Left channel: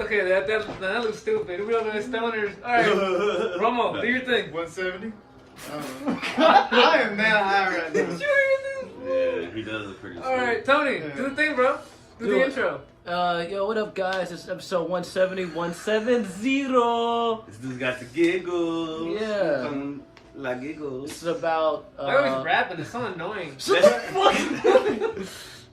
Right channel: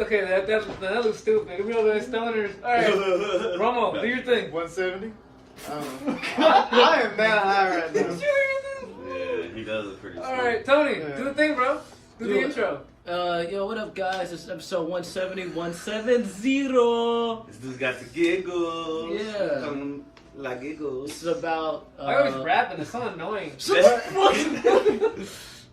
Okay, that looks stupid. We all the stoners. All right, Romo, do your thing. 170. I am that high right now. Yeah, he does look pretty. All right, Tony, do the thing, bro. Do the intro. Yo, what up, guys? It's episode 170, 170. This dude's got the giggles. Yeah. Some la giggles. This is about. I always rapping. It's so annoying.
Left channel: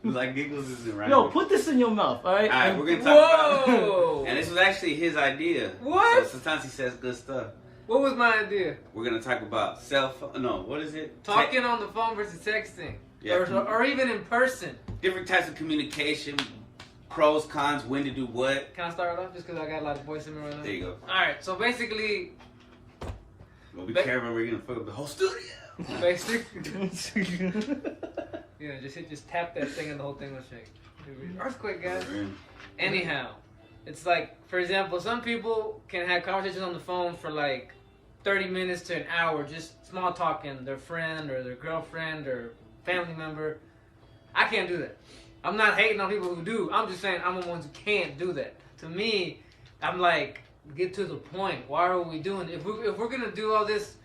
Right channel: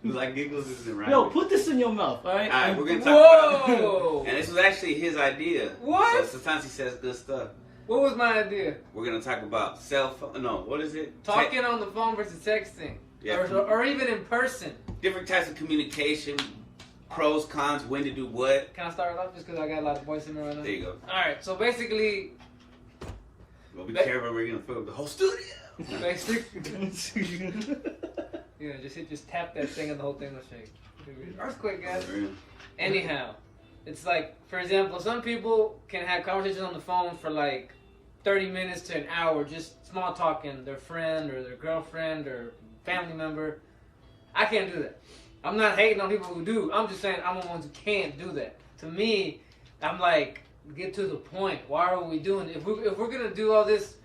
Like giggles isn't right. Yo, put this in your mouth, all right? All right, we're gonna talk Whoa! about. And this was actually his idea. What? So sometimes he says good stuff. What was my idea? We're gonna talk about cell phone. No, what is it? Talking on the phone versus texting, Yeah. or even in person. Different types of communication, pros, cons, when to do what. Can I start it off just because I got a lot of voice in me right now? There you go. All right, so basically, Well, be careful, we're gonna fuck up the whole studio. Yeah, just tap that thing and the whole thing will shake. Earthquake, guys. Anyhow, it's like, for example, some people can have conversations on the phone for like 30 minutes to an hour, just small talking their friend or their girlfriend or family member. I can't do that. I'm not hating on people who do. I'm just saying I'm the ones who can't do that. To me, I'm like, get to the point. Why are we doing it? If we're gonna do all this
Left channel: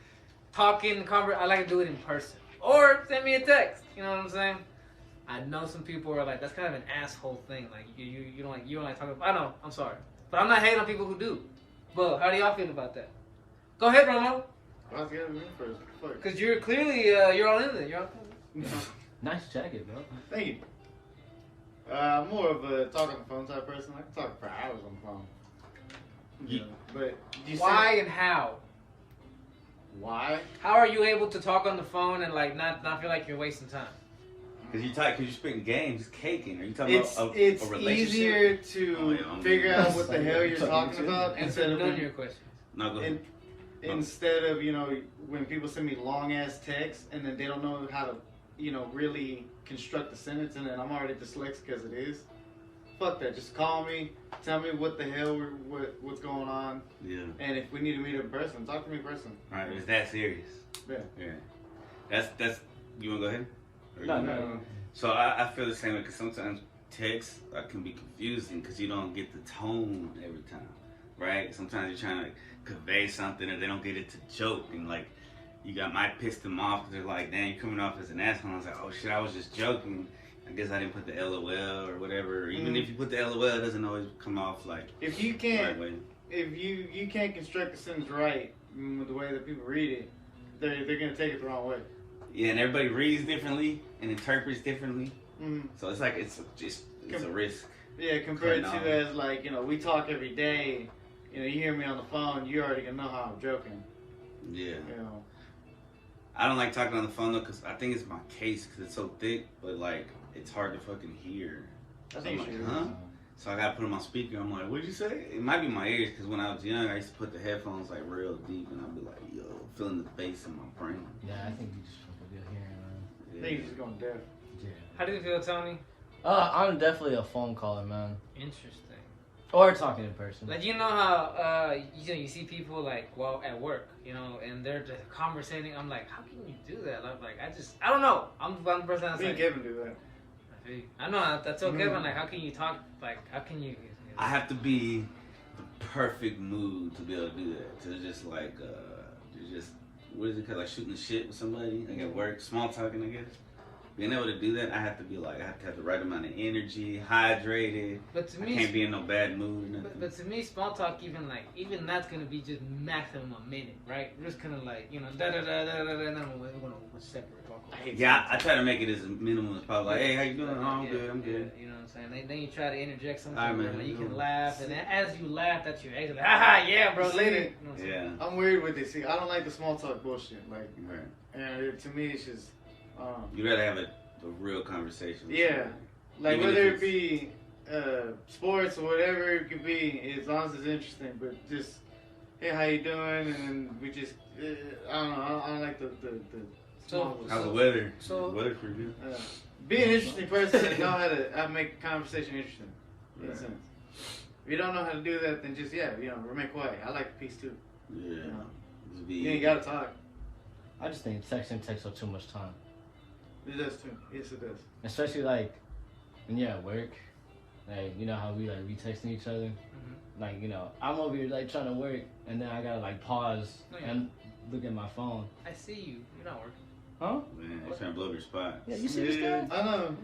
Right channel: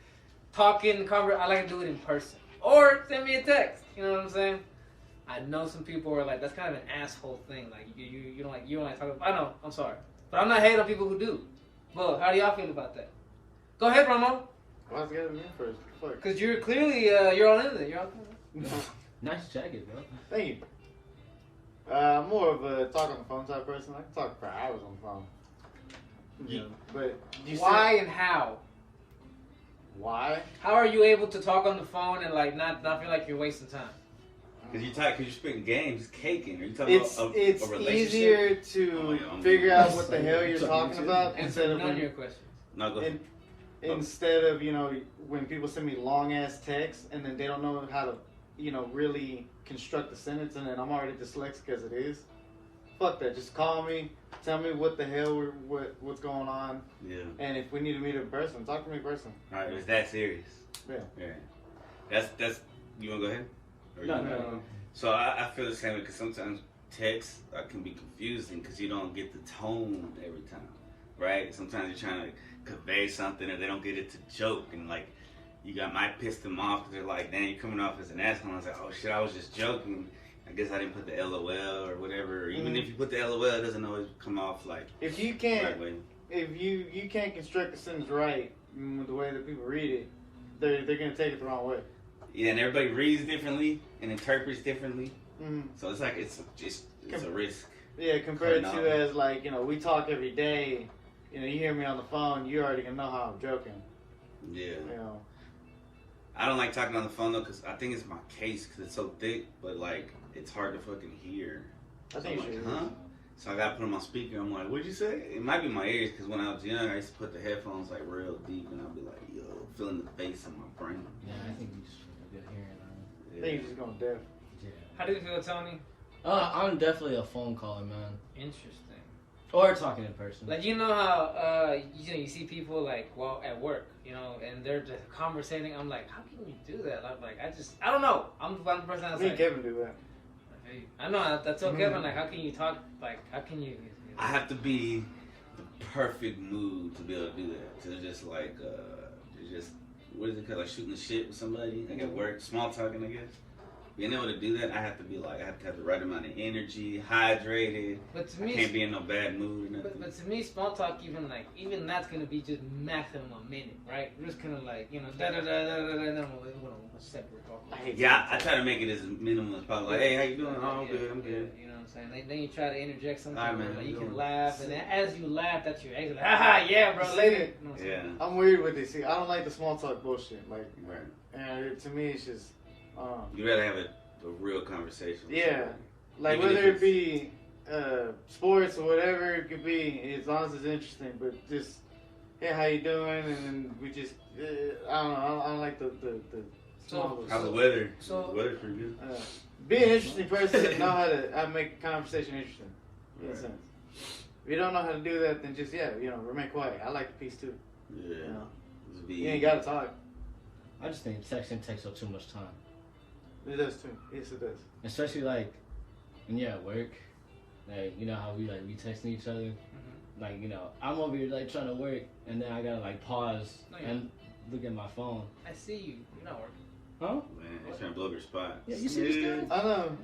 talking, I like to do it in person. Or send me a text. You know what I'm saying? I know some people are like, that's kind of an asshole thing. Like you don't like talking. I know. I'm sorry, but I'm not hating on people who do. But how do y'all feel about that? Go ahead, Romo. Why's it gotta be me first? Fuck. Because you're clearly you're all in there. You're all in there. Nice jacket, bro. Thank you. I'm more of a talk on the phone type person. I can talk for hours on the phone. Yeah. But do you Why and how? Why? How are you able to talk on the phone and like not feel like you're wasting time? Cause you're spitting games, caking. Are you talking about it's a relationship? easier to figure out what the hell you're talking about Answer none of your questions. No, go ahead. Instead of, when people send me long ass texts and then they don't know how to, really construct a sentence, and then I'm already dyslexic as it is. Fuck that. Just call me. Tell me what the hell what's going on. Yeah. And if we need to meet in person, talk to me in person. All right, it's that serious. Yeah. That's. You wanna go ahead? Or No. So I feel the same because sometimes text can be confusing because you don't get the tone every time, right? Sometimes you're trying to convey something or they don't get it to joke, and like might piss them off because they're like, "Damn, you're coming off as an asshole." I was like, "Oh shit, I was just joking." I guess I didn't put the LOL or whatever. Even if you put the LOL, it doesn't always come off like if you can't the right way. If you can't construct a sentence right, the way that people read it, they're gonna take it the wrong way. Yeah, and everybody reads differently and interprets differently. Mm. So it's like it's a risk. Yeah, compared to as like we talk every day. You hear me on the phone, you already gonna know how I'm joking. Yeah. I don't like talking on the phone though, cause I think it's my case, cause it's so thick, but like it's hard to fucking hear. I think so I'm like, huh? So I gotta put them on speaker. I'm like, what'd you say? It might be my ears, cause when I was young, I used to put the headphones like real deep, and I'd be like, yo, feeling the bass in my brain. Yeah, I think you just fucking good hearing, man. I think you're just going deaf. Yeah. How do you feel, Tony? I'm definitely a phone caller, man. Interesting. Or talking in person. Like how you see people like at work, and they're just conversating. I'm like, how can you do that? Like I don't know. I'm one person that's Me like, and Kevin do that. I know that's okay, Kevin. Like, how can you talk? Like, how can you? I have to be the perfect mood to be able to do that. To just like, what is it called? Like shooting the shit with somebody. Like at work, small talking, I guess. Being able to do that, I have to have the right amount of energy, hydrated. But to me, I can't be in no bad mood. But to me, small talk, even that's gonna be just maximum a minute, right? We're just kind of like, da da da da da, and then we're gonna separate. Yeah, I try to make it as minimal as possible. Like, hey, how you doing? Oh, I'm good. I'm good. You know what I'm saying? Then you try to interject something. Right, man, like you can laugh, and then as you laugh, that's your exit. Like, haha, yeah, bro. Later. You know what I'm saying? I'm weird with this. See, I don't like the small talk bullshit. Like, right. And to me, it's just. You rather have a real conversation. Yeah, like even whether it be sports or whatever it could be, as long as it's interesting. But just, hey, how you doing? And we just, I don't know. I don't like the how's the weather? So weather for you? Be an interesting person. Know how to make a conversation interesting. In a sense. If you don't know how to do that, then just remain quiet. I like the peace too. Yeah. You ain't gotta talk. I just think texting takes up too much time. It does too. Yes, it does. Especially like when you're at work Like, you know how we texting each other? Like, you know, I'm over here like trying to work, and then I gotta like pause and look at my phone. I see you. You're not working. Huh? Man, you're trying to blow up your spot. Yeah, you see this guy? I know.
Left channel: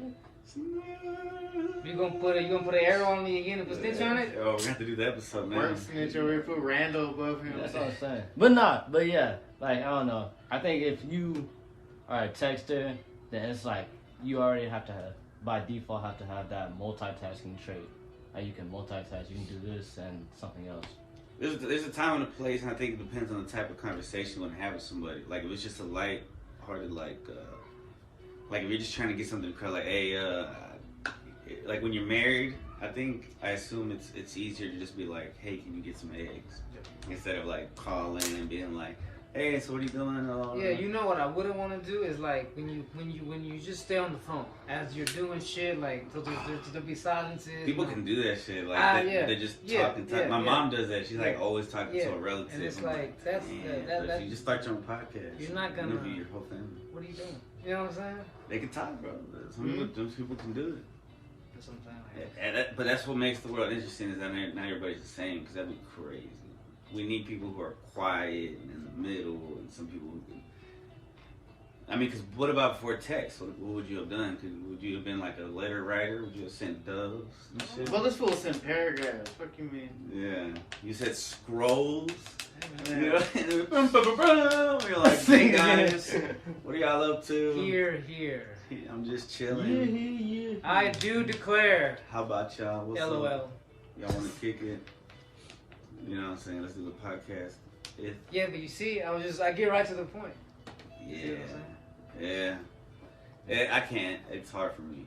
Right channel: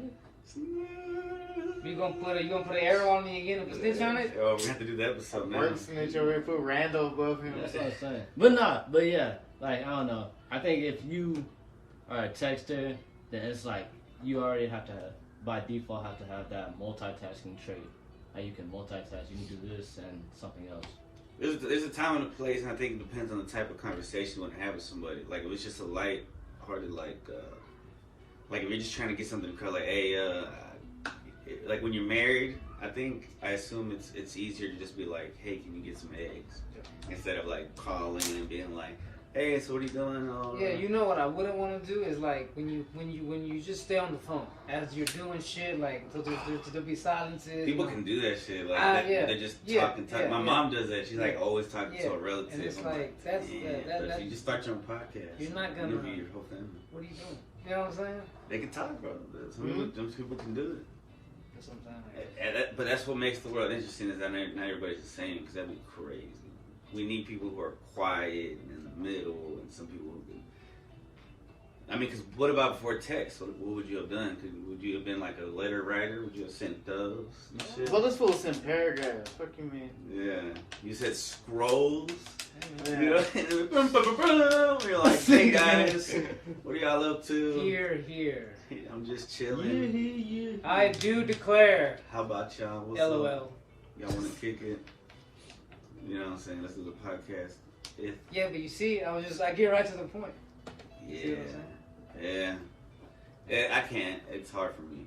You gonna put an arrow on me again and put snitch on it? Oh, we have to do that episode, man. Work snitch over here, put Randall above him. That's what I'm saying. But yeah, like, I don't know. I think if you are a texter, then it's like you already have to have, by default, have to have that multitasking trait. Like, you can multitask, you can do this and something else. There's a time and a place, and I think it depends on the type of conversation you want to have with somebody. Like, if it's just a light-hearted, like if you're just trying to get something across, like, hey, like when you're married, I assume it's easier to just be like, hey, can you get some eggs? Yeah. Instead of like calling and being like, hey, so what are you doing? Yeah, you know what I wouldn't want to do is like when you just stay on the phone as you're doing shit, like there'll be silences. People can do that shit. Like they're just talking. My mom does that. She's like always talking to a relative. And it's like that's if you just start your own podcast, you're not gonna interview your whole family. What are you doing? You know what I'm saying? They can talk, bro. Some people can do it. That's what I'm saying. But that's what makes the world interesting is that not everybody's the same, because that'd be crazy. We need people who are quiet and in the middle, and some people who can. I mean, because what about before text? What would you have done? Would you have been like a letter writer? Would you have sent doves and shit? Well, this fool sent paragraphs. What you mean? Yeah. You said scrolls. Yeah. You know? You're like, hey guys, what are y'all up to? Here. I'm just chilling. Yeah. I do declare. How about y'all? What's LOL. up? Y'all want to kick it? You know what I'm saying? Let's do the podcast. Yeah, but you see, I get right to the point. Yeah. See what I'm saying? Yeah. I can't. It's hard for me.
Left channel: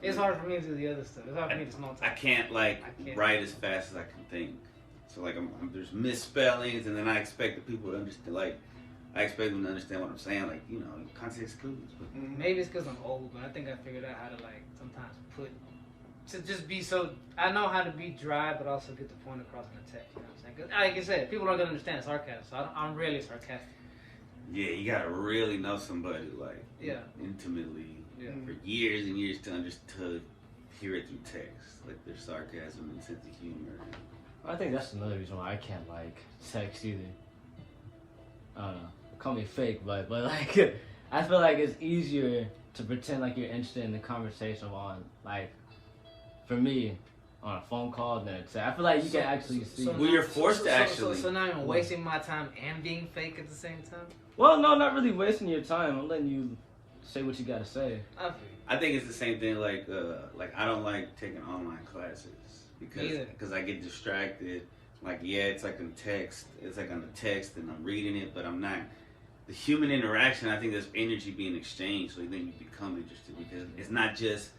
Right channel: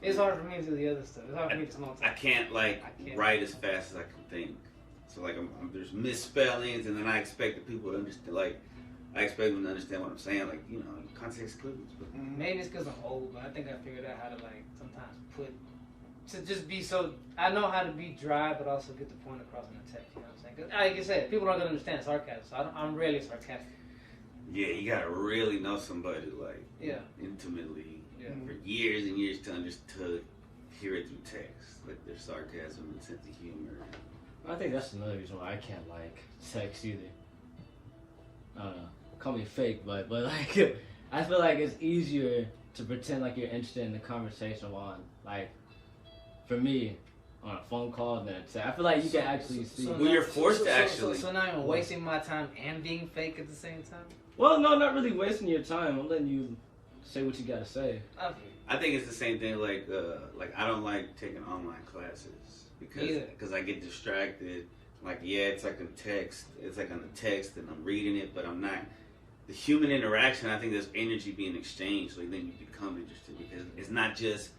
It's hard for me to do the other stuff. It's hard for me to small talk. I can't write as fast as I can think. So like there's misspellings, and then I expect the people to understand. Like I expect them to understand what I'm saying. Like, you know, context clues. Maybe it's because I'm old, but I think I figured out how to like sometimes to just be so. I know how to be dry, but also get the point across in the text. You know what I'm saying? 'Cause like I said, people aren't gonna understand sarcasm, so I'm rarely sarcastic. Yeah, you gotta really know somebody like intimately for years and years to hear it through text, like their sarcasm and sense of humor. I think that's another reason why I can't like text either. I don't know. Call me fake, but like I feel like it's easier to pretend like you're interested in the conversation on like for me on a phone call than a text. I feel like you can actually see. You're forced to actually. So now I'm wasting my time and being fake at the same time. Well, no, not really wasting your time. I'm letting you say what you gotta say. I think it's the same thing. Like I don't like taking online classes because I get distracted. Like it's like a text. It's like on the text and I'm reading it, but I'm not. The human interaction. I think there's energy being exchanged, so then you become interested because it's not just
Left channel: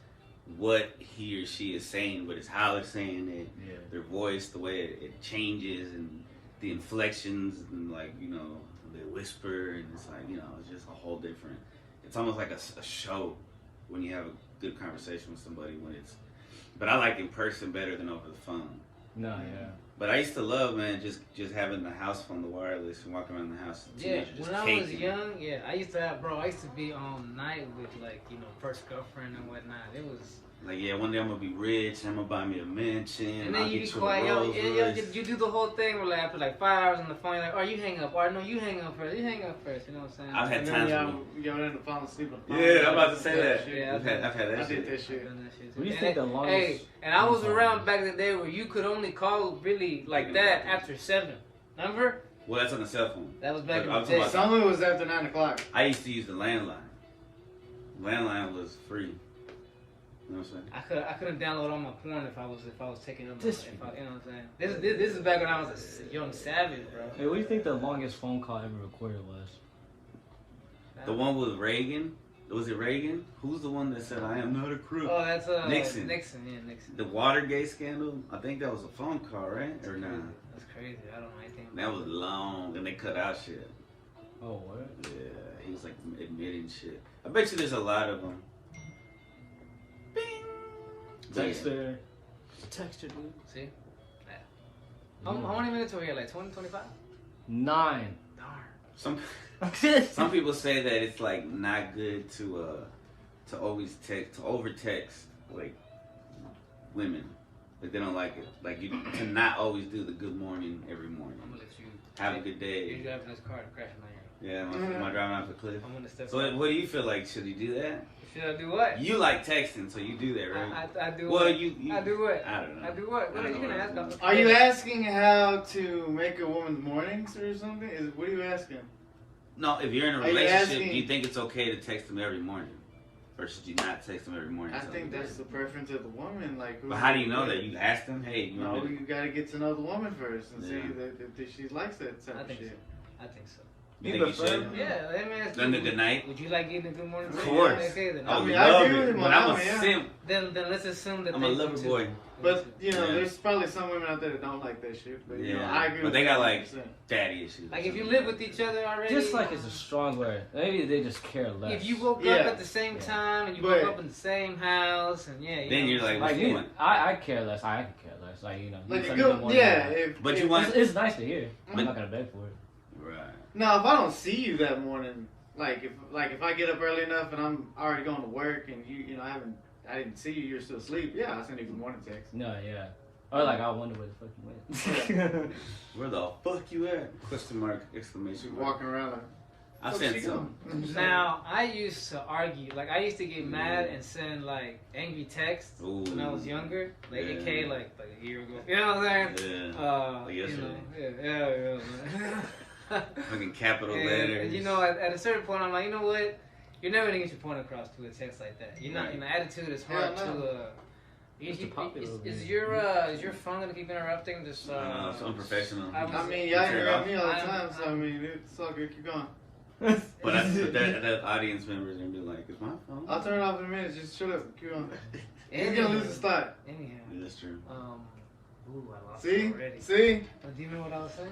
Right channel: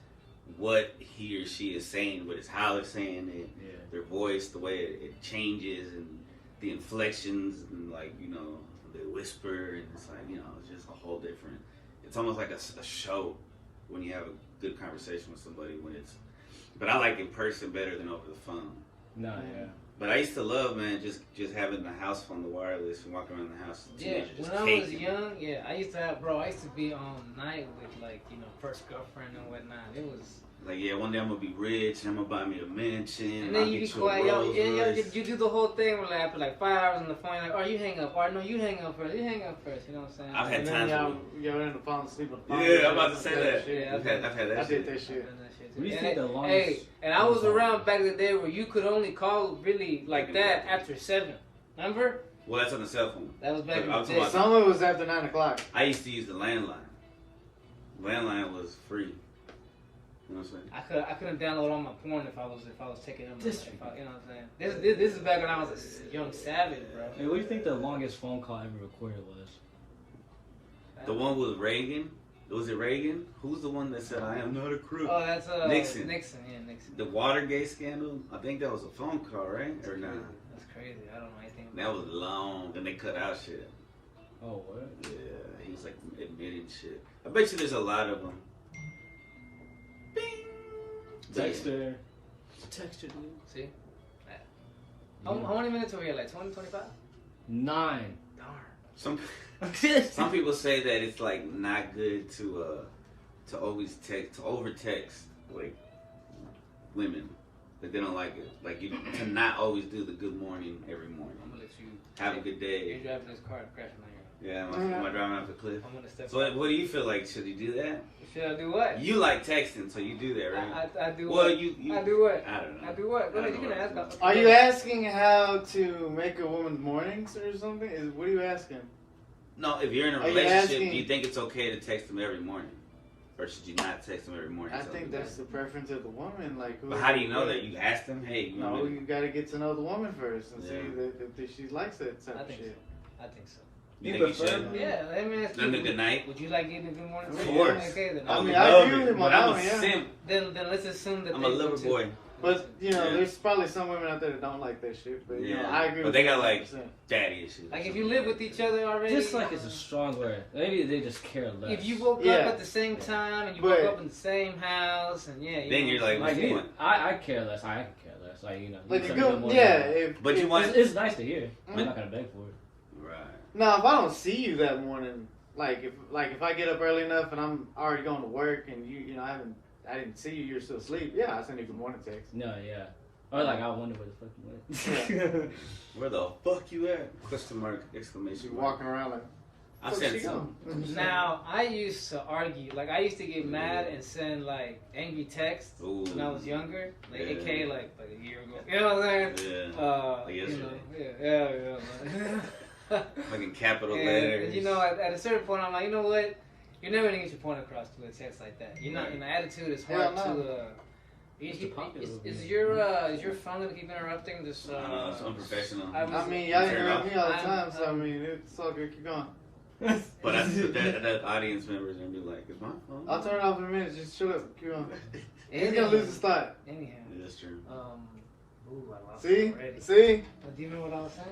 what he or she is saying, but it's how they're saying it, their voice, the way it changes, and the inflections, and like, you know, they whisper, and it's like, you know, it's just a whole different. It's almost like a show when you have a good conversation with somebody but I like in person better than over the phone. No, yeah. But I used to love, man, just having the house phone, the wireless, and walking around the house. Yeah, when I was young, I used to be on night with, like, you know, first girlfriend and whatnot. It was like, one day I'm gonna be rich and I'm gonna buy me a mansion. And then you be quiet, you do the whole thing where like after like 5 hours on the phone, like, oh, you hang up, or no, you hang up first, you know what I'm saying? I've had times where you're in the phone asleep. Yeah, I'm about to say that. Yeah, I've had that I shit. did that shit. And I was around back in the day where you could only call really like that after 7. Remember? Well, that's on the cell phone. That was back in the day. Some of it was after 9 o'clock. I used to use the landline. Landline was free. You know what I'm saying? I couldn't download all my porn if I was taking them. You know what I'm saying? This is back when I was a young savage, bro. Hey, what do you think the longest phone call ever recorded was? The one with Reagan. Was it Reagan? Who's the one that said, "I am not a crook"? Oh, that's Nixon. Nixon. The Watergate scandal. I think that was a phone call, right? Or not? That's crazy. I don't know anything. That was long, and they cut out shit. Oh, what? Yeah, he was like admitting shit. I bet you there's a lot of them. Texter, dude. See? Yeah. How many minutes are we at? Like 20, 25? 9. Darn. Some people say that it's like not good to always text, to over text. Like women. Like they don't like it. Like you to not always do the good morning every morning. I'm gonna let you Have a good day. You're driving this car and crashing on your. Yeah, am I driving off the cliff? I'm gonna step. So what do you feel like? Should you do that? Should I do what? You like texting, so you do that, right? I do well, what? You I do what? I don't know. I do what? Go ahead, you can ask. Are you asking how to make a woman's mornings or something? What are you asking? No, if you're in a Are you relationship, asking- do you think it's okay to text them every morning? Or should you not text them every morning? I think that's the preference of the woman. Like, But how do you know that? You ask them, hey, you No, know, you gotta get to know the woman first and Yeah. see if she likes that type I of think shit. so. I think so. you You think you prefer- should? Yeah, I mean, it's Then the good night? Would you like getting a good morning? Of text? course. Okay, then. I mean, I I love agree with it, my but I'm mama, a yeah. simp. Then let's assume that I'm they a do lover too. boy. But you know, Yeah. there's probably some women out there that don't like that shit. But you know, Yeah. I agree. But with they you got, like, 100%. Daddy issues. Like if you live with each other already, Just like it's a strong word. Maybe they just care less. if you woke Yeah. up at the same time and you But- woke up in the same house and yeah, you Then know, you're like, Like what's the me, point? I care less. I could care less. Like you know, Like you a send me good, morning, yeah. like, But you want- it's nice to hear. Mhm. I'm not gonna beg for it. Right. Now, if I don't see you that morning, like if I get up early enough and I'm already going to work and you know I didn't see you, you're still asleep. Yeah, I'll send you a good morning text. No, yeah. Or like I wonder where the fuck you went. Where the fuck you at? Question mark, She's exclamation mark. walking around like. I "Fuck sent she some. going?" Now I used to argue, like I used to get mad and send like angry texts Ooh. when I was younger, like Yeah. AK like a year ago. You know what I'm saying? Yeah. Like You know, yesterday. yeah. Fucking capital And letters. you know, at a certain point, I'm like, you know what? You're never gonna get your point across to a text like that. You're not. Right. You know, attitude is Hell hard no. to. It's the popular Is one. your phone gonna keep interrupting this? It's unprofessional. I I mean, y'all Turn it interrupt off. me all the I'm- time, so I mean, it's all good. Keep going. But that audience members gonna be like, it's my phone. I'll turn it off in a minute. Just shut up. Keep going. He's Anyhow. gonna lose his thought. Anyhow, Yeah, that's true. ooh, I lost See, it already. see. Do you remember what I was saying?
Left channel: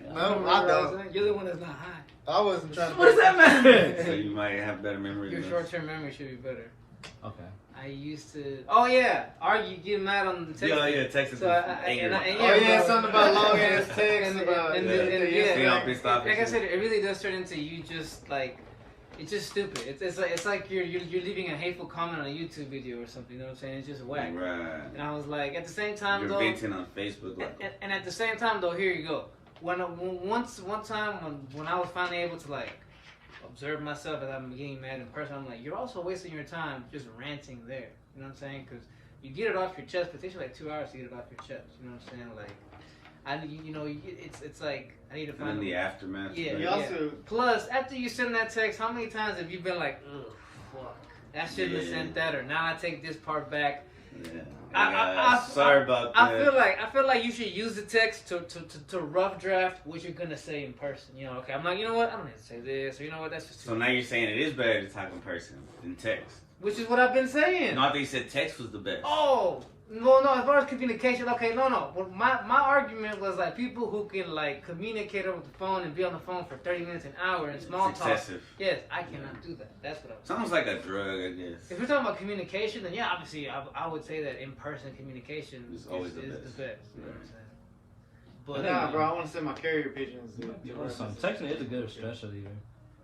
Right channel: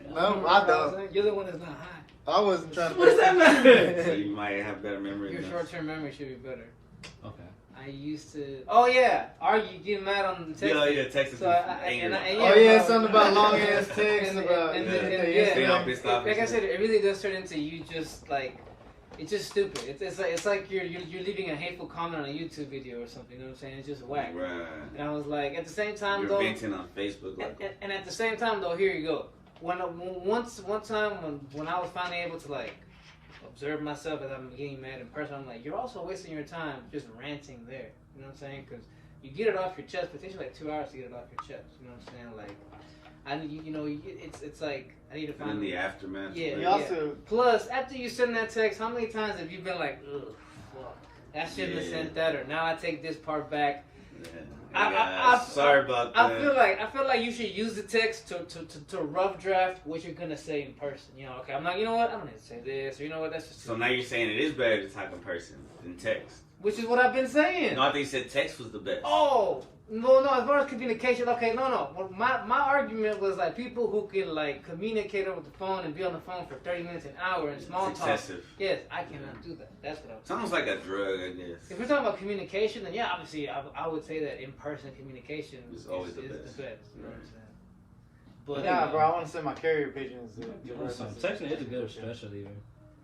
No, Remember I what was don't. saying? You're the one that's not high. I wasn't trying. What does that matter? So you might have better memory. Your than us. short-term memory should be better. Okay. I used to. Oh yeah, argue, get mad on the text. Yeah, text So and Oh yeah, something about long ass texts and, about. and, yeah. and, and, Yeah, yeah, I'm pissed off. like I said, it really does turn into you just like. It's just stupid. It's like you're leaving a hateful comment on a YouTube video or something. You know what I'm saying? It's just whack. Right. And I was like, at the same time You're though, venting on Facebook. Like, and at the same time though, here you go. One time when I was finally able to like observe myself as I'm getting mad in person, I'm like, you're also wasting your time just ranting there. You know what I'm saying? Because you get it off your chest, but it takes you like 2 hours to get it off your chest. You know what I'm saying? Like, you know, it's like I need to in find the aftermath. Yeah, like, You also, Plus, after you send that text, how many times have you been like, ugh, fuck, I shouldn't have Yeah. sent that, or now I take this part back. Yeah. I- Sorry about that. I feel like you should use the text to rough draft what you're gonna say in person. You know, okay, I'm like, you know what, I don't need to say this, or you know what, that's just too So now you're saying it is better to talk in person than text. which is what I've been saying. No, I think you said text was the best. Oh. No, as far as communication, okay, no. Well, my argument was like people who can like communicate over the phone and be on the phone for 30 minutes, an hour, and small It's talk. excessive. Yes, I cannot do that. That's what I was It's almost like a drug, I guess. If we're talking about communication, then yeah, obviously I would say that in-person communication It's is always the the best. best. You know what I'm saying? But nah, bro, I want to send my carrier pigeons. Texting is a good especially.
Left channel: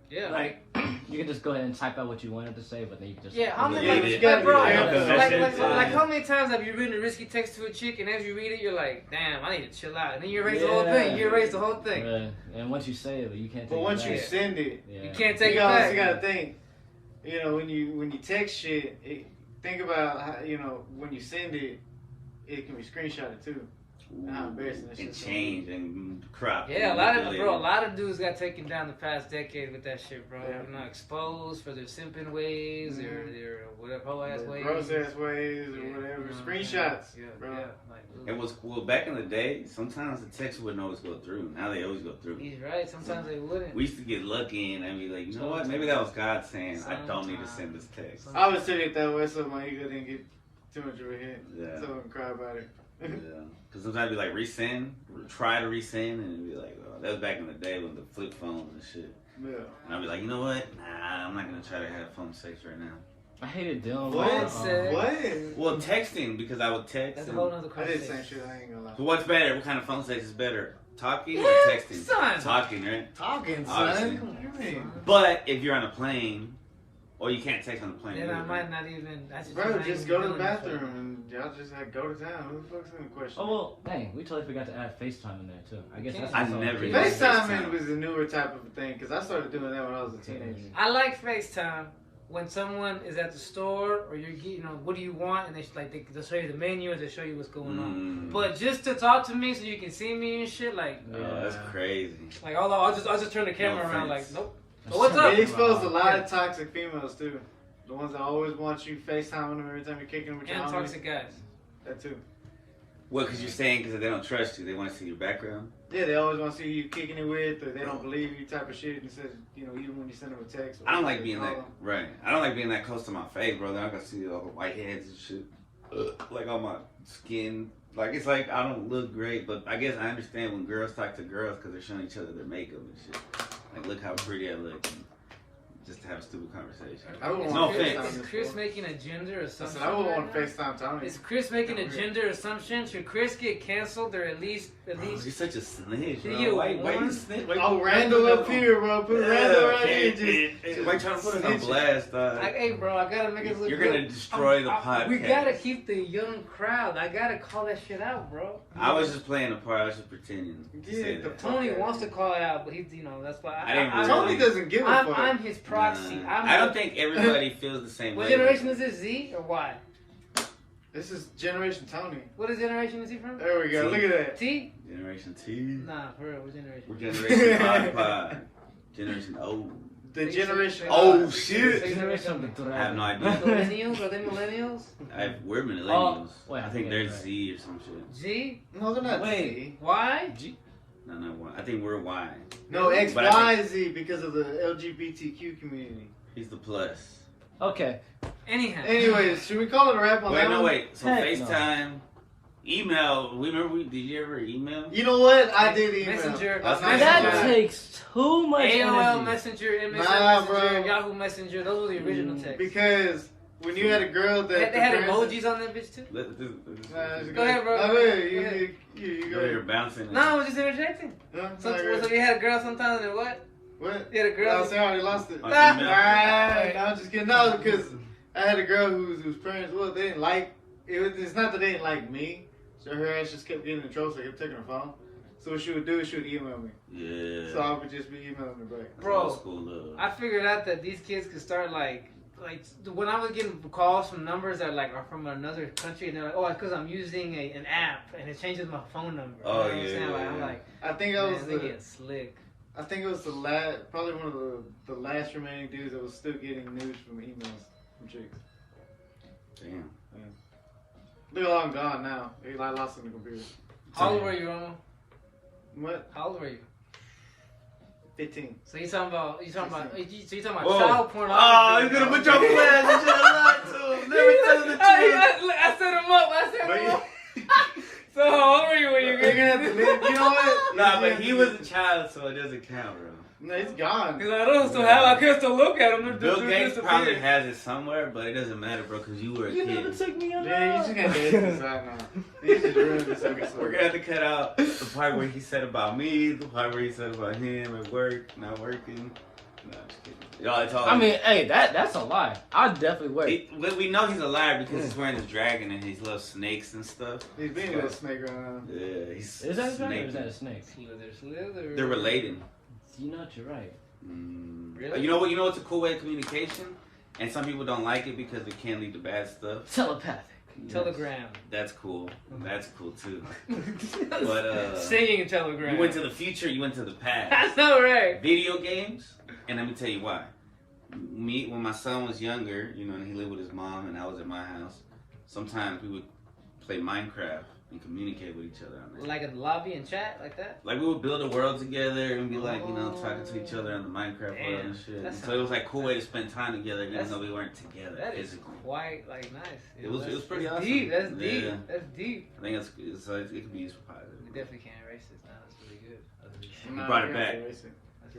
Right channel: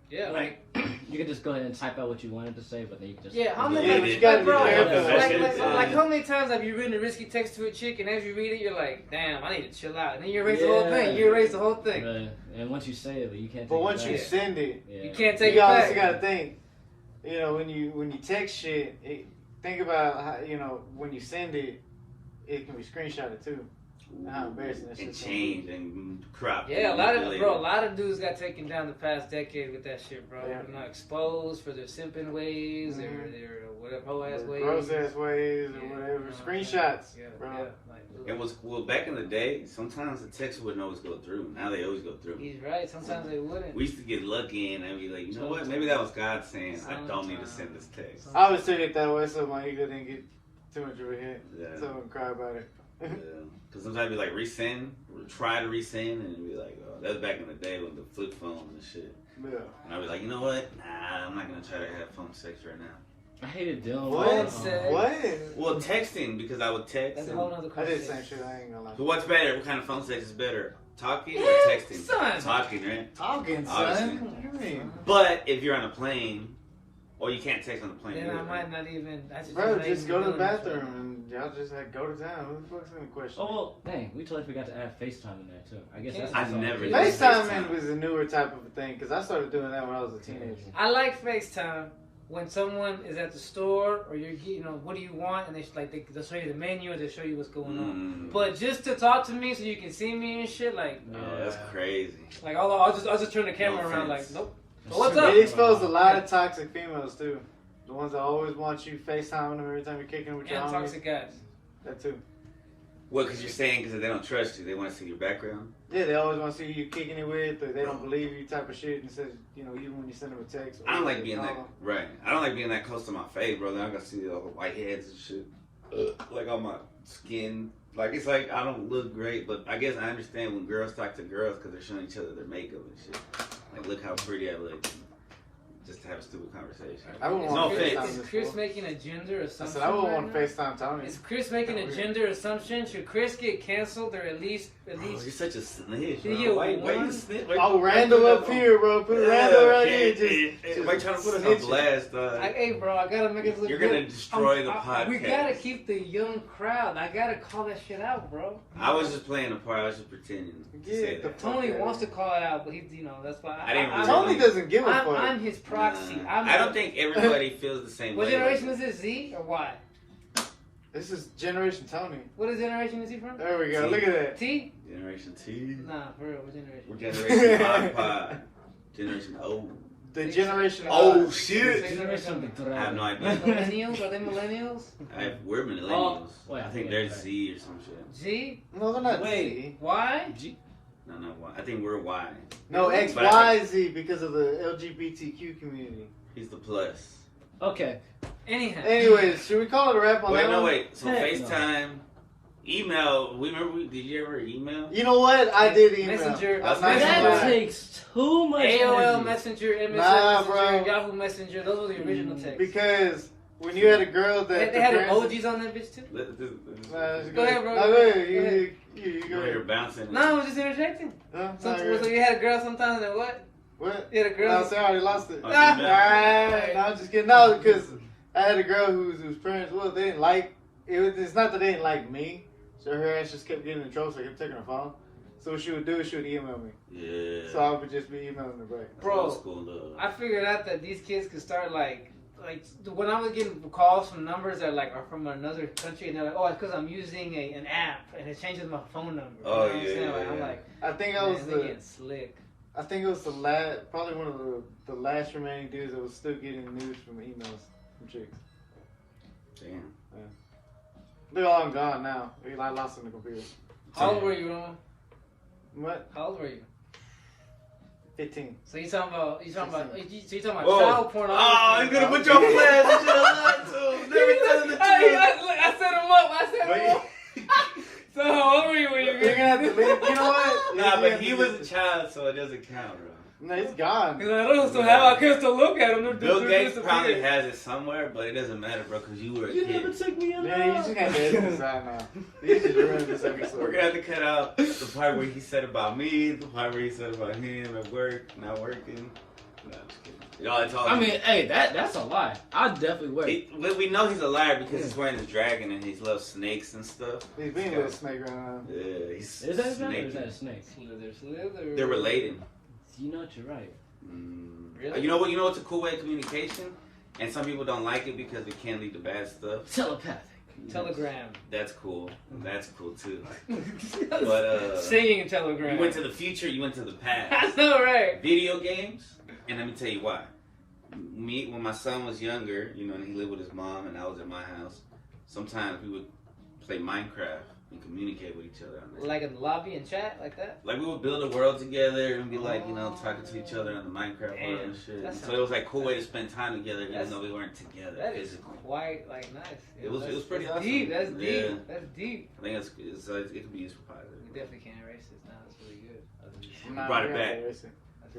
yeah, Like you can just go ahead and type out what you wanted to say, but then you just yeah. How many Yeah, like, you gotta bro, be careful. like how many times have you written a risky text to a chick and as you read it you're like, damn, I need to chill out, and then you erase the whole thing. You erase the whole thing. Right. And once you say it, but you can't. But take once it you back. send it, Yeah. You can't take you it also back. gotta think. You know, when you text shit, think about how, you know, when you send it, it can be screenshotted too. How embarrassing that And shit's changed and cropped. Yeah, and a manipulated. lot of dudes got taken down the past decade with that shit, bro. Yeah. You know, exposed for their simping ways, their whatever hoe ass ways. Gross ass ways or Yeah, whatever. you know what I'm Screenshots, saying? bro. Yeah, like, ugh. It was well back in the day. Sometimes the text wouldn't always go through. Now they always go through. He's right. Sometimes they wouldn't. We used to get lucky and I'd be like, you know what? Maybe that was God saying I don't need to send this text. I always took it that way so my ego didn't get too much of a hit. Yeah. So I wouldn't cry about it. Yeah. Because sometimes I'd be like resend, try to resend, and it'd be like, oh, that was back in the day with the flip phones and shit. Yeah. And I'd be like, you know what? Nah, I'm not gonna try to have phone sex right now. I hated dealing What? with What? Well, texting because I would text. That's a and- whole nother I did the conversation. same shit, I ain't gonna lie. But what's better? What kind of phone sex is better? Talking or Yeah, texting? son. Talking, right? Talking, Obviously. son. Come on, you mean? But if you're on a plane, or you can't text on the plane. Then I either. might not even. I just Bro, might just even go to be the doing this bathroom right and y'all just had go to town. Who the fuck's gonna question? Oh well, dang, we totally forgot to add FaceTime in there too. I guess that's I what's all never the did. kids- FaceTime was a newer type of a thing because I started doing that when I was a teenager. I like FaceTime when someone is at the store or you're getting, what do you want, and they'll show you the menu and they'll show you what's going on. But just to talk to me so you can see me and shit, like, Oh, that's crazy. like I'll just turn the camera around, like, offense. nope. That's What's true. up? It exposed a lot of toxic females too. The ones that always want you FaceTiming them every time you're kicking with your And homies. toxic guys. That too. What? Because you're saying because they don't trust you, they want to see your background. Yeah, they always want to see you kicking it with, or they don't believe you type of shit. And says, even when you send them a text. Or I don't like they being call that them. right. I don't like being that close to my face, bro. Then I can see all the white heads and shit, like on my skin. Like it's like I don't look great, but I guess I understand when girls talk to girls because they're showing each other their makeup and shit. Like look how pretty I look, just to have a stupid conversation. I don't Is want No to Chris, offense. FaceTime is this Chris fool. making a gender I assumption? said I don't right want now? to FaceTime Tony. Is Chris making a gender assumption? Should Chris get canceled or at least? Bro, you're such a snitch, Should bro. he get Why you one? snitch? Oh, Randall up here, bro. Put Randall right here. Why trying to put us on snitching. blast, Hey, bro, I gotta make it look You're good. gonna destroy the podcast. We gotta keep the young crowd. I gotta call that shit out, bro. I was just playing a part. I was just pretending to Yeah, say the that. Tony wants to call it out, but he's, that's why. I didn't really- Tony doesn't give a fuck. I'm his proxy. Nah. I don't think everybody feels the same What way. generation is this? Z or Y? This is Generation Tony. What generation is he from? There we go. T. Look at that. T? Generation T. Nah, for real. What generation? We're Generation Pod. Generation O. The Generation. Oh shit! Generation I have no idea. Millennials? Are they millennials? We're millennials. wait, I think wait, they're wait. Z or some shit. G? No, they're not Wait. Z. Y? No, not Y. I think we're Y. No, X, But I Y, Z because of the LGBTQ community. He's the plus. Okay. Anyhow. Anyways, should we call it a wrap on Wait, that no, one? wait. So Heck no. FaceTime, email. Did you ever email? You know what? I did email. Messenger. I was Messenger. That Messenger. takes too much AOL energy. Messenger, MSN Nah, Messenger, bro. Yahoo Messenger. Those were the original texts. Because when you had a girl that They had emojis on that bitch too? Go ahead, bro. Go Go ahead. ahead. You go You're ahead. bouncing. No, I was just interjecting. No, So, not so really. you had a girl sometimes and what? What? You had a girl. No, sorry, I already lost it. Oh, Ah. email. No, I'm just kidding. No, because I had a girl whose parents, they didn't like. It's not that they didn't like me. So her ass just kept getting in trouble. So I kept taking her phone. So what she would do is she would email me. Yeah. So I would just be emailing her back. That's Bro, old school love. I figured out that these kids could start like when I was getting calls from numbers that are from another country and they're like, oh, it's because I'm using an app and it changes my phone number. Oh, you know what I'm saying? yeah, Like, I'm yeah. like, I think I man, was they getting slick. I think it was the last, probably one of the last remaining dudes that was still getting news from emails from chicks. Damn. They're all gone now. I lost them in the computer. How old were you, Romo? What? How old were you? 15. So you talking about Whoa. child pornography? Oh, you're gonna put your plans. You should have lied to him. Never tell him the truth. I set him up. I set him up. So how old were you when you You're gonna have to leave. You know what? Nah, You're but gonna he have was to- a child, so it doesn't count, bro. No, he's gone. He's like, I don't still have. I can still look at him. Bill They're Gates probably disappearing. has it somewhere, but it doesn't matter, bro, because you were a kid. took me on Man, you just got to edit this out now. You just ruined this We're episode. gonna have to cut out the part where he said about me, the part where he said about him at work, not working. No, I'm just kidding. Y'all, it's all. I mean, hey, that's a lie. I'll definitely wait. we know he's a liar because he's wearing a dragon and he loves snakes and stuff. He's being with a snake right now. Yeah, he's Is that a dragon or snake. is that a snake? Slither. They're related. You know what, you're right. Really? You know what? You know what's a cool way of communication, and some people don't like it because it can lead to bad stuff. Telepathic. Telegram. That's cool. That's cool too. But Singing telegram. you went to the future. You went to the I past. know, right? Video games, and let me tell you why. Me, when my son was younger, and he lived with his mom, and I was at my house. Sometimes we would play Minecraft and communicate with each other on there. Like in the lobby and chat, like that. Like we would build a world together and be like, talking to each other on the Minecraft world and shit. That's So it was like a cool way to spend time together, even though we weren't together. That is physically. quite nice. It was pretty that's awesome. deep. That's Yeah. deep. That's deep. I think it could be used for positive. We definitely can't erase this now. That's really good. Nah, brought it we back. have to erase it.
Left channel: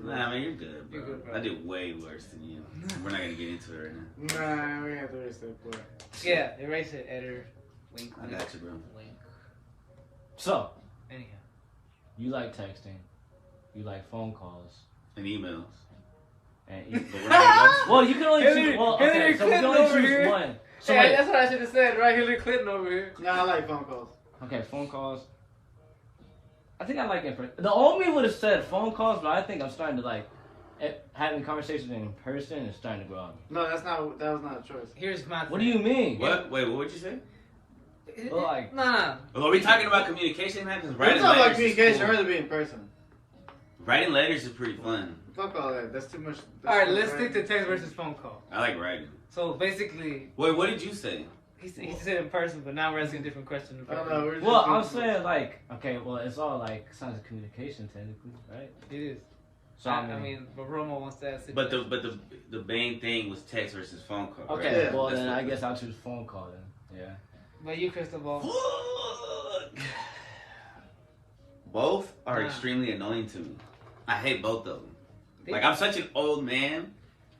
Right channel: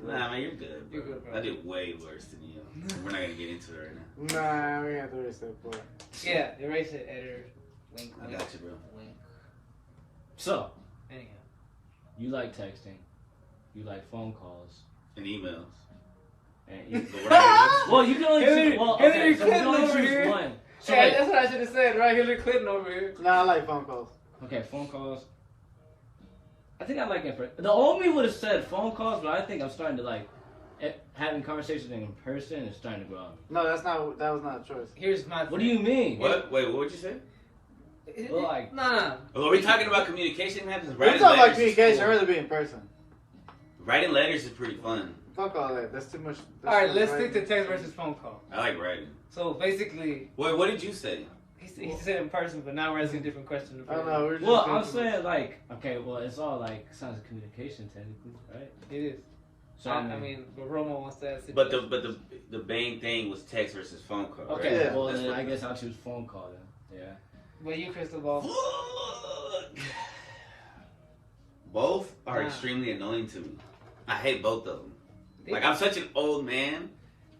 Nah, man, you're good, bro. You're good, bro. I did way worse than you. We're not gonna get into it right now. Nah, we have to erase that part. Yeah, erase it, editor. Wink, I wink. got you, bro. Wink. So, Anyhow. you like texting, you like phone calls, And emails. and you, But we're not well, you can only Hillary- choose. Well, Hillary okay, so we can Clinton only over choose here. one. Yeah, that's what I should have said, right? Hillary Clinton over here. Nah, I like phone calls. Okay, phone calls. I think I like in person. The old me would have said phone calls, but I think I'm starting to like having conversations in person is starting to grow on me. No, that was not a choice. Here's my thing. What do you mean? What? Wait, what would you say? Well, like, Nah. Are we talking about communication, man? 'Cause We're writing talking about letters is communication. cool. I'd rather be in person. Writing letters is pretty fun. Fuck all that. That's too much. All right, let's stick to text versus phone call. I like writing. So basically, Wait, what did you say? he said in person, but now we're asking a different question. I don't know. We're just well, I'm doing- saying like, okay, well, it's all like signs of communication technically, right? It is. So I mean, but Romo wants to ask. But the main thing was text versus phone call. okay, right? Yeah, well That's then what- I guess I'll choose phone call then. Yeah. But you, Cristobal. Fuck. Both are Nah. extremely annoying to me. I hate both of them. Like, I'm such an old man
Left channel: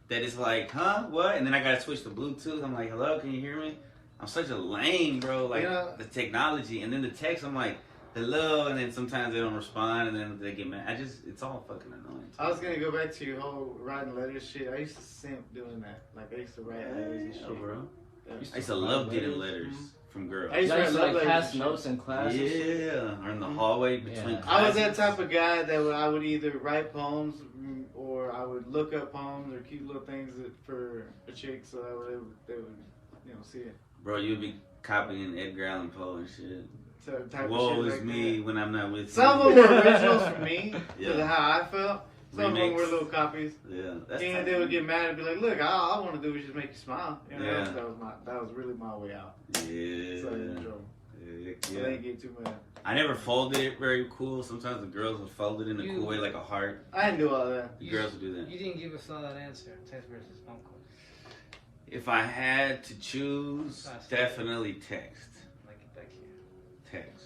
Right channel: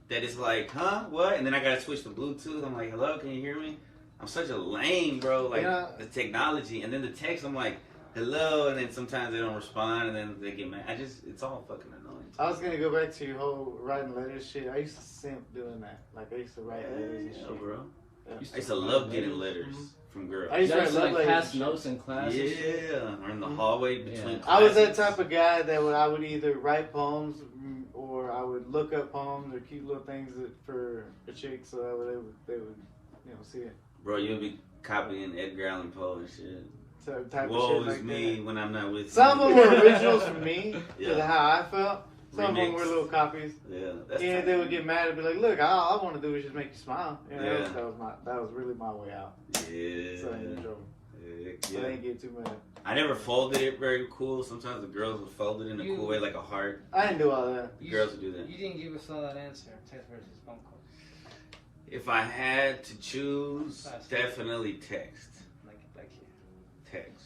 that it's like, huh, what? And then I gotta switch to Bluetooth. I'm like, hello, can you hear me? I'm such a lame, bro. Like, Yeah. the technology. And then the text, I'm like, hello. And then sometimes they don't respond. And then they get mad. It's all fucking annoying. I was gonna go back to your whole writing letters shit. I used to simp doing that. Like I used to write letters and Yeah, shit. bro. Yeah. I used to love getting letters from girls. I used You to guys write like love pass letters. and notes in class. Yeah, and shit? or in the hallway between Yeah. I was that classes. type of guy that I would either write poems or I would look up poems or cute little things for a chick so that they would see it. Bro, you'll be copying Edgar Allan Poe and shit. So type Woe of shit is like me that. when I'm not with Some you. of them were originals for me, Yeah. for how I felt. Some of them Remix. were little copies. Yeah, that's And tight. they would get mad and be like, "Look, all I want to do is just make you smile." You know, Yeah. that was really my way out. Yeah. So I didn't get in trouble. Heck So I yeah. didn't get too mad. I never folded it very cool. Sometimes the girls would fold it in a You- cool way, like a heart. I didn't do all that. The girls would do that. You didn't give us all that answer. Text versus phone call. If I had to choose, Fast. definitely text. Like it back here. Text.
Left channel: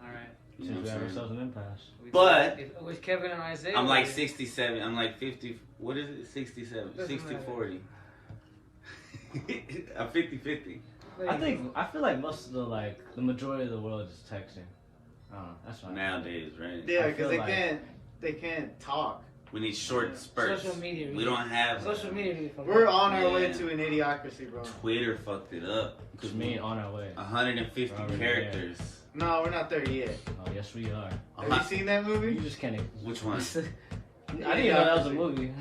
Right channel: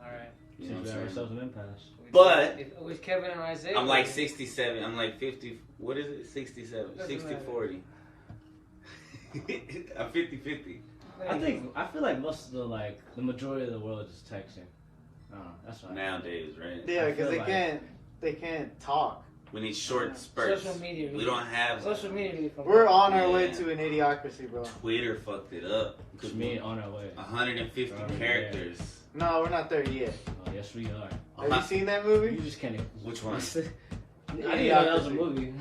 All right. You know Since what we I'm got saying? ourselves an impasse. But- it was Kevin and Isaiah. I'm like 67. I'm like 50. What is it? 67. Doesn't 60 matter. 40. I'm 50-50. I feel like most of the majority of the world is texting. I don't know. That's fine. Nowadays, right? Yeah, I because feel they can't talk. We need short spurts. Social media. We don't have Social media. We're on our way Yeah. to an idiocracy, bro. Twitter fucked it up. Which mean on our way. 150 Already characters. No, we're not there yet. Oh yes, we are. Have you seen that movie? You just can't. Which one? I didn't know that was a movie.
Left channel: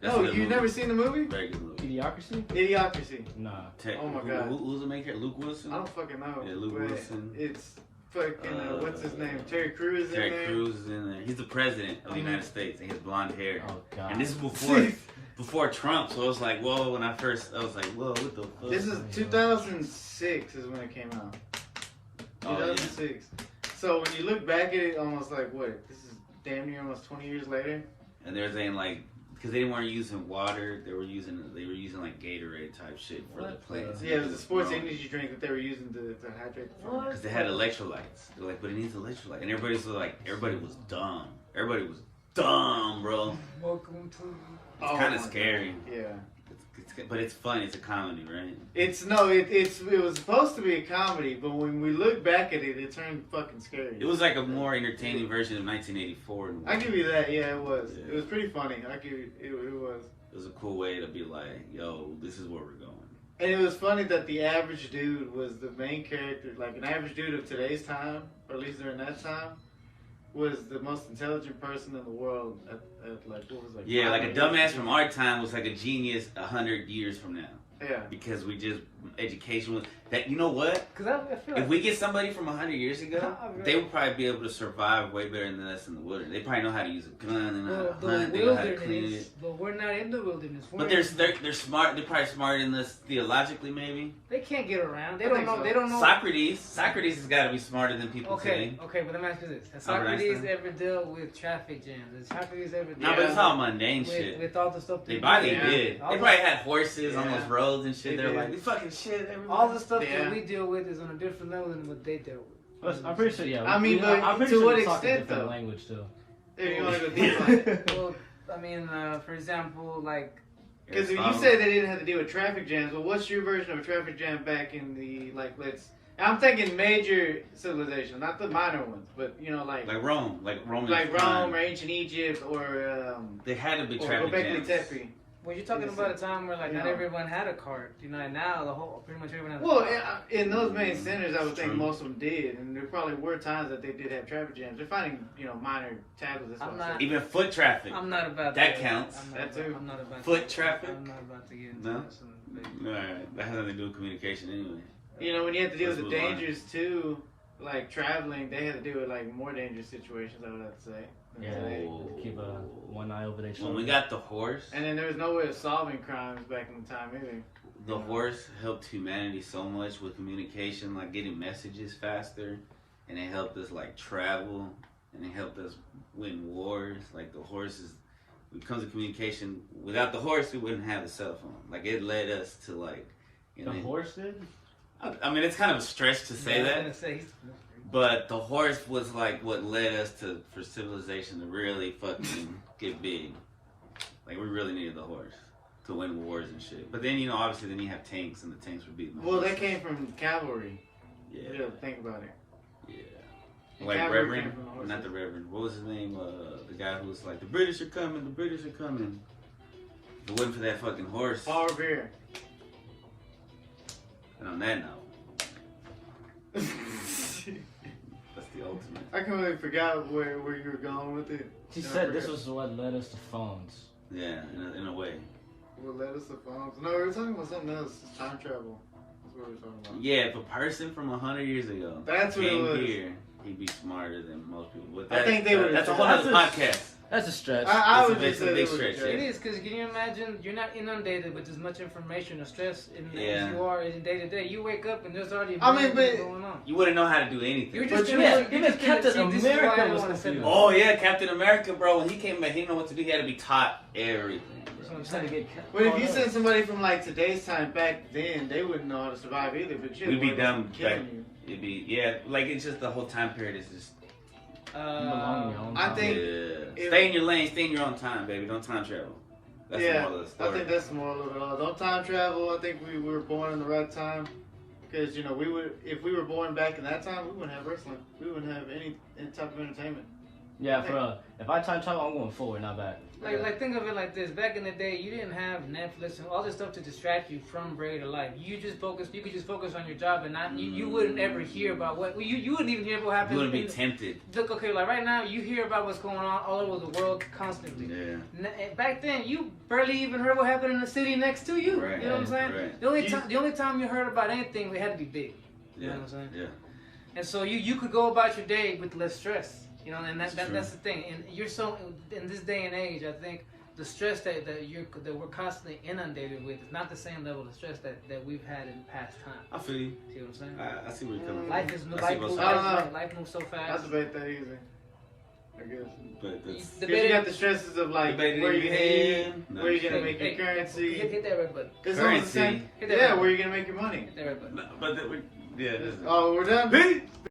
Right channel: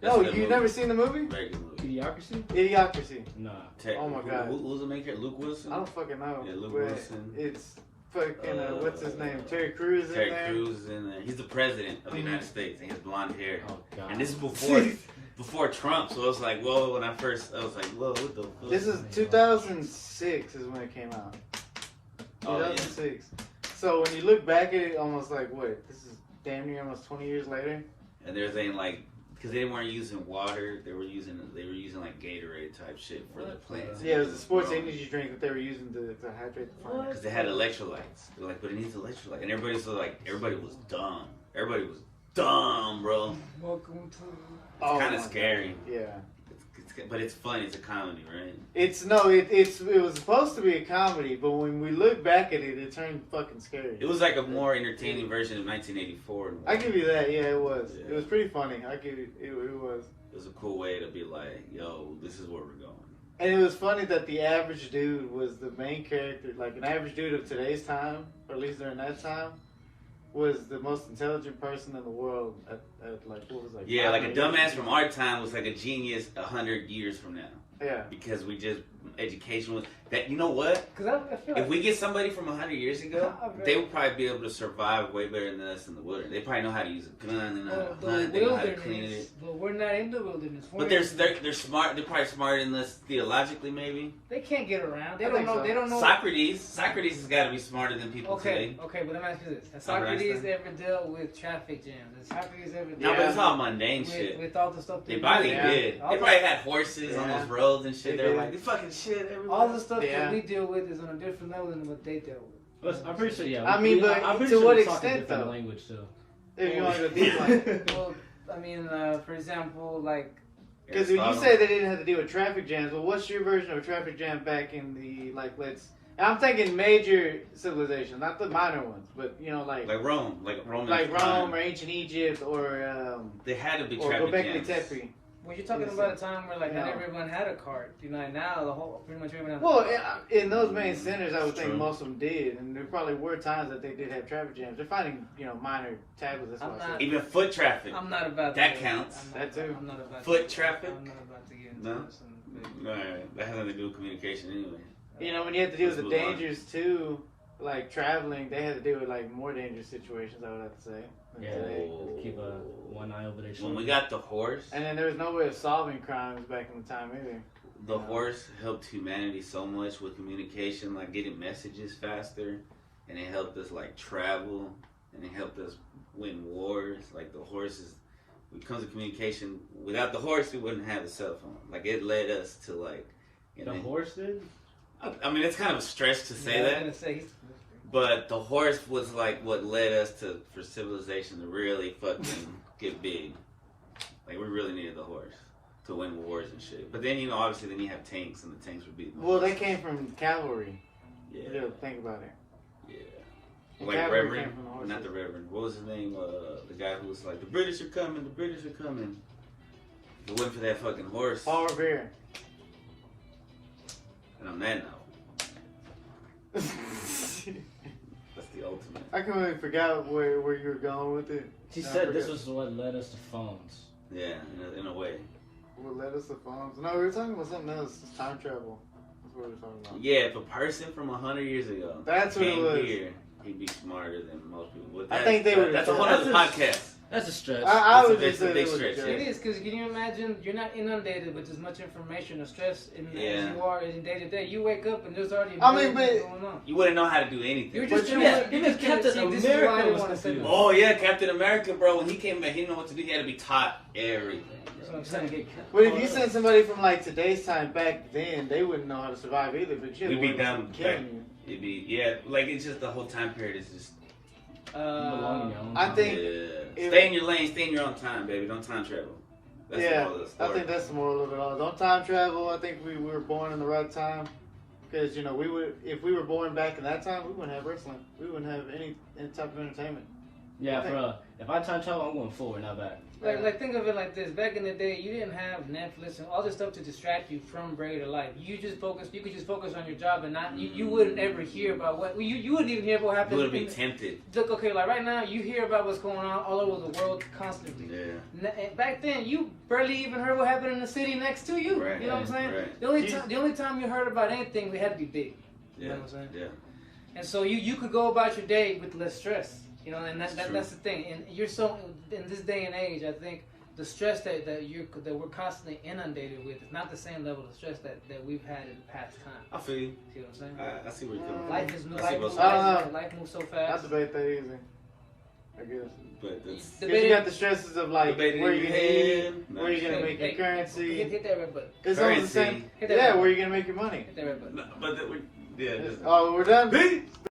That's a No, good you've movie. never seen the movie? Very good movie. Idiocracy? Idiocracy. Nah. Oh my God. Who's the main character? Luke Wilson? I don't fucking know. Yeah, Luke but Wilson. It's fucking, what's his name? Terry Crews in Terry there. Crews is in there. He's the president of the United States, and he has blonde hair. Oh god. And this is before Trump, so I was like, whoa. When I was like, whoa, what the fuck? This is 2006 is when it came out. Oh, yeah. 2006. So when you look back at it, almost like, what? This is damn near almost 20 years later. And they're saying like, because they weren't using water, they were using like Gatorade type shit for the What plants. the- Yeah, it was a sports energy drink that they were using to hydrate the farm. Because they had electrolytes. They're like, but it needs electrolyte. And everybody was dumb. Everybody was dumb, bro. Welcome to. It's kind my of God. scary. Yeah. But it's fun. It's a comedy, right? It was supposed to be a comedy, but when we look back at it, it turned fucking scary. It was like a more entertaining version of 1984. In a way. I give you that. Yeah, it was. Yeah. It was pretty funny. I give you. It was. It was a cool way to be like, yo, this is where we're going. And it was funny that the average dude was the main character. Like an average dude of today's time, or at least during that time, was the most intelligent person in the world at like what was it, like Yeah, like a 5 dumbass years from old. our time was like a genius 100 years from now. Yeah. Because we just, education was, that, you know what? Because I feel If like. we get somebody from 100 years ago, Nah, bro. they would probably be able to survive way better than us in the wilderness. They probably know how to use a gun and how Well, to the hunt, they know how to clean wilderness, it. but we're not in the wilderness. But they're smart. They're probably smarter than us theologically, maybe. They can't get around. They I don't think know. so. They don't know. Socrates has got to be smarter than people Okay, today. okay, but let me ask you this: Has Albert Socrates Einstein? ever dealt with traffic jams? Has Socrates ever No, dealt but it's all mundane shit. with all the stuff They that probably Yeah. did. All They the- probably had horses on Yeah. those roads and shit. They They were did. like, this fucking shit everywhere. all the stuff Yeah. that we deal with is on a different level than what they dealt with. I'm pretty sure. Yeah. I mean, but I'm pretty to sure what we talk a extent, different though? language too. If you want to go deep, like, Well, I mean, for example, like because when you say they didn't have to deal with traffic jams, well, what's your version of a traffic jam back in the I'm thinking major civilization, not the minor ones, but you know, like Rome, like Rome, Rome or ancient Egypt or They had to be or traffic Göbekli jams. Tepe. Well, you're talking about a time where like not everyone had a cart. You know, and now pretty much everyone has a Well, car. in those main centers, I would think True. most of them did, and there probably were times that they did have traffic jams. They're finding, minor tackles. I'm not- Even foot traffic. I'm not about That to, counts. That too. I'm not about Foot to, traffic? I'm not about to get into No? this. Alright, that has nothing to do with communication anyway. When you have to deal with the Let's move on. dangers too, like traveling, they have to deal with like more dangerous situations. I would have to say. Yeah, keep one eye over their shoulder. When we got the horse, And then there was no way of solving crimes back in the time either. the horse helped humanity so much with communication, like getting messages faster, and it helped us like travel, and it helped us win wars. Like the horse is, when it comes to communication, without the horse, we wouldn't have a cell phone. Like it led us to like, The horse did? I mean, it's kind of a stretch to say that. I was gonna say, But the horse was like what led us for civilization to really fucking get big. Like we really needed the horse to win wars and shit. But then obviously then you have tanks and the tanks were beating. Well, they came from cavalry. Yeah. You have to think about it. Yeah. And Like cavalry Reverend, came from the horses. not the Reverend. What was his name? The guy who was like, the British are coming, the British are coming. If it wasn't for that fucking horse. Paul Revere. And on that note, that's the ultimate. I completely forgot where you were going with it. She said this was what led us to phones. Yeah, in a way. What led us to phones? No, we were talking about something else. It's time travel. That's what we were talking about. Yeah, if a person from 100 years ago That's what it came was. here, he'd be smarter than most people. With I that, think they would That's a have whole thought- other podcast. That's a stretch. I It's would a just say big it was a stretch, joke. it is, because can you imagine you're not inundated with as much information or stress as Yeah. you are in day to day. You wake up and there's already I mean, millions but- going on. You wouldn't know how to do anything. You're just But gonna, yeah, you're even just gonna Captain see. This is why I America didn't was want to say confused. that. Oh yeah, Captain America, bro. When he came back, he didn't know what to do. He had to be taught everything. That's what I'm Trying to saying. get But if you send somebody from like today's time back then, they wouldn't know how to survive either. But you We'd be one dumb. of us killing It'd be like it's just the whole time period is just. I think- Yeah. Stay in your lane. Stay in your own time, baby. Don't time travel. That's the yeah, moral of the I story. think that's the moral of it all. Don't time travel. I think we were born in the right time. Because we would, if we were born back in that time, we wouldn't have wrestling. We wouldn't have any type of entertainment. Yeah, if I time travel, I'm going forward, not back. Like think of it like this. Back in the day, you didn't have Netflix and all this stuff to distract you from regular life. You could just focus on your job and not. You wouldn't ever hear about what you wouldn't even hear what happens. You wouldn't be tempted. Look, okay, like right now, you hear about what's going on all over the world constantly. Yeah. Back then, you barely even heard what happened in the city next to you. Right, You know what I'm saying? right. The only time you heard about anything, we had to be big. You know what I'm saying? Yeah. And so you could go about your day with less stress. And that's the thing. And you're so in this day and age, I think the stress that we're constantly inundated with is not the same level of stress that we've had in past time. I feel you. See what I'm saying? I see where you're coming from. Life is I see life, both life, sides. life moves so I fast. debate that easy. I guess. But that's Because you got the stresses of like debated where in you're your gonna eat, head. where you're gonna make your Hit currency. that red button. It's almost the same. Currency. Hit that Yeah, red where you're gonna make your money. Hit that red button. But yeah. Oh, we're done. Peace.